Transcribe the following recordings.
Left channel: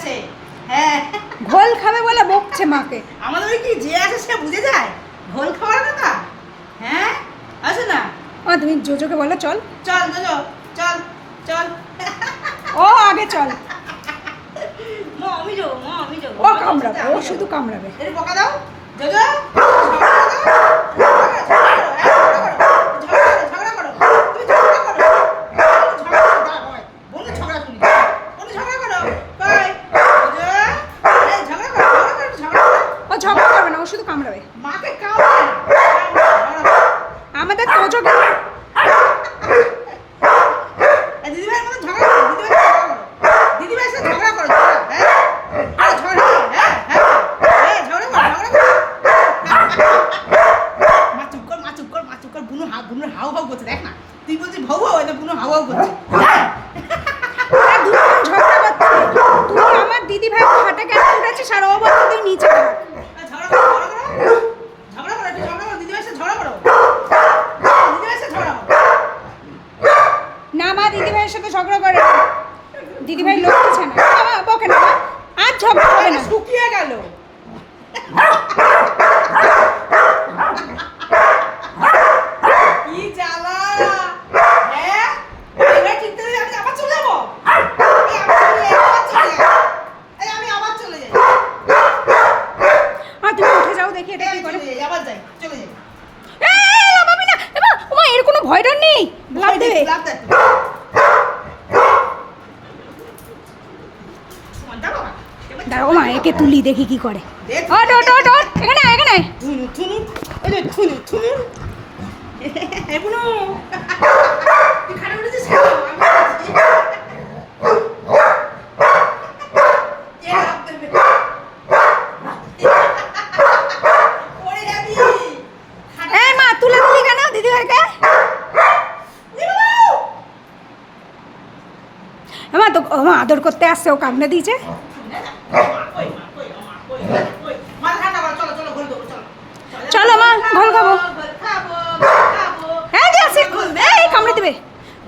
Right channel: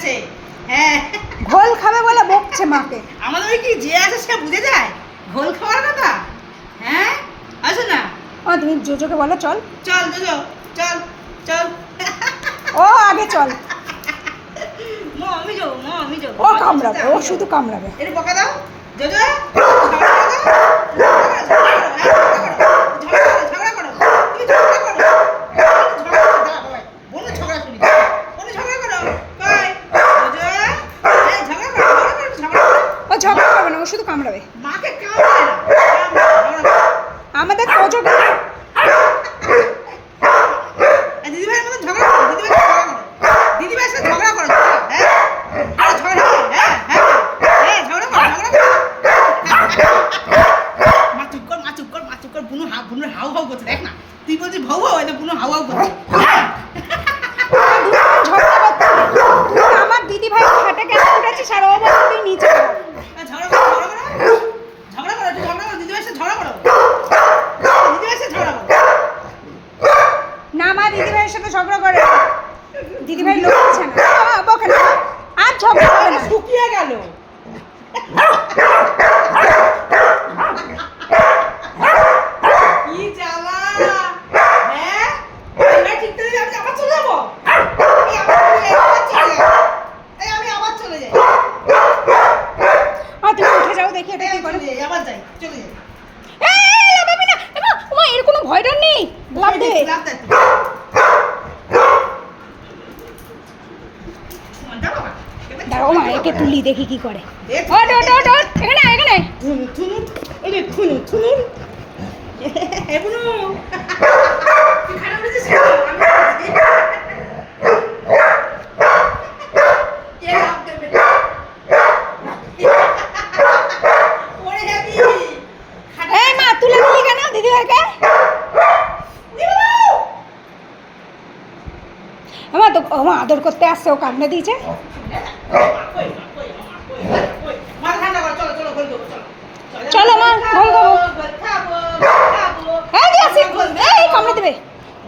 গেছে। হ্যাঁ ঘোল খাবে বলে বকছে মাকে। আমাদের ওই কি যে আছে সে বুঝে যায় ঘোল খাওয়ার কথা। হ্যাঁ আসো না। তুমি জোজোকে বলো চল। চল জোজো চল চল। ও আগে চল। মা আমি যাবো, মা আমি যাবো। ও কামড়াবে, ও শুধু কামড়াবে। এর বকা দাও জোজো। ও ঝগড়া করবে না, ও শুধু কামড়াবে। মাকে কামড়াবে না। আমাদের তোজোকে দিদিভাইয়ের মতো ঝগড়া করো, দিদিভাইয়ের সাথে ঝগড়া করো। হ্যাঁ আরে ঝগড়া করো, হ্যাঁ হ্যাঁ এই ঝগড়া করো, ঝগড়া করো। মা চুপ কর, মা চুপ কর, মা চুপ কর। বুনুর হাউ হাউ করছে, দেখ না। তুই বলছিস ভাউ ভাউ, এটা বুনু হাউ হাউ করছে। ঝগড়া করতে তুই আমার দিদি ভাই খাটে কেন উঠেছিস আর ও বলছে তুই নিচে থাক। ঝগড়া করো, ঝগড়া করো, ঝগড়া করো, দিদিভাইয়ের সাথে ঝগড়া করো, দিদিভাইয়ের সাথে ঝগড়া করো। না মা দিদি ভাইয়ের সাথে ঝগড়া করে না। দিদি ভাই লোক দিচ্ছে না বাবা, বকে না আর ঝগড়া হবে না। শুকিয়ে গেল। কি জ্বালা। হ্যাঁ এবার ঠিক করে আমি আবার চলে যাবো। আমি আবার চলে যাই। তুমি উঠে যাও দেখি এটা কি করে। আবার যাই, চলে যাই। এই লাফাবি না এমা, ওমা এর কোনো ভয় ডর নেই। লাফ দে। লাফ দে। দাঁড়াও মা একে তুলি দেখি কি করে। ওট ওট ওট ওট এখানে এখানে। থুনু থুনু এই যে থুনু থুনু। এ বুনু তুই খারাপ উঠেছিস কেন? আমি কে লাফ দেবে? পড়ে যাবি। এই মা তুলে দিলি কেন দিদি ভাইকে? আমা তো আমা আদর করতে আসছে, ও কামড়ে দিয়েছে। চলো মা ঘোল খাবো। এই দিয়ে আসি, এই কামড়ে দিবে।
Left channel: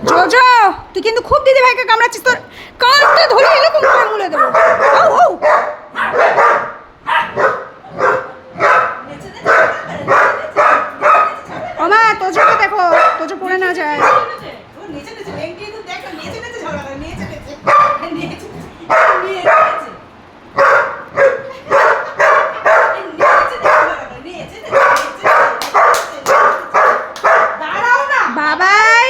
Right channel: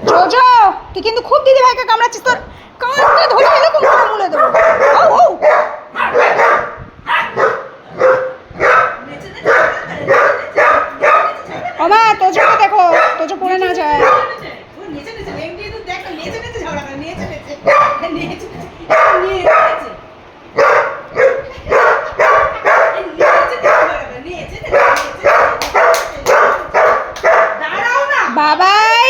জোজো তুই কিন্তু খুব দিদি ভাইকে কামড়াচ্ছিস, তোর কানটা ধরে এরকম করে মুলে দেবো। ও ও ও মা তোজোকে দেখো, তোজো পড়ে না যায়। বাবাই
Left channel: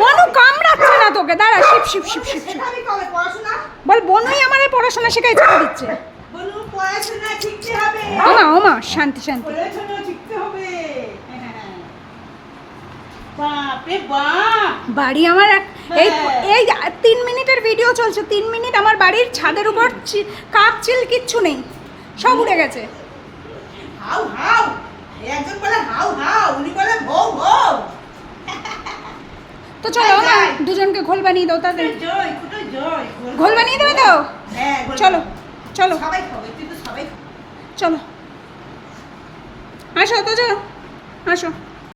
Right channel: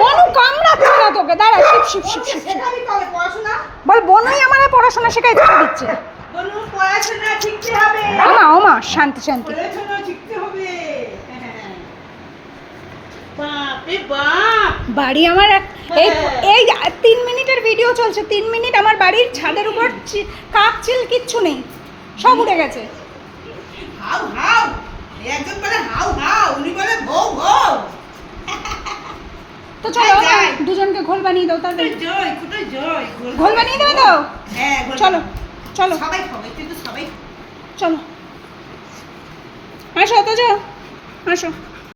বনু কামড়াচ্ছে না তোকে, দাঁড়া শিপ শিপ শিপ শিপ শিপ। বল বনুই আমার পড়াশোনা শেখাই ছেড়ে দিচ্ছে। ওমা ওমা শান্তি শান্তি। বাড়ি আমার এই এই 3 মিনিটের ভিডিও চলছে, 3 মিনিট আমার বাড়ির ছাদের উপর কাক চিল কিচ্ছু নেই, সব উড়ে গেছে। হাউ হাউ একজন বলে হাউ হাউ, উনি বলে ভৌ ভৌ। তো চলো দুজনকে ঘোল বানিয়ে দাও তাদের। জয় কোথায় জয় ঘোল বানিয়ে দেবে তো? হ্যাঁ চলো চলো সবাই খাবে, কিন্তু সবাই চলো আসো তো যাও আসো।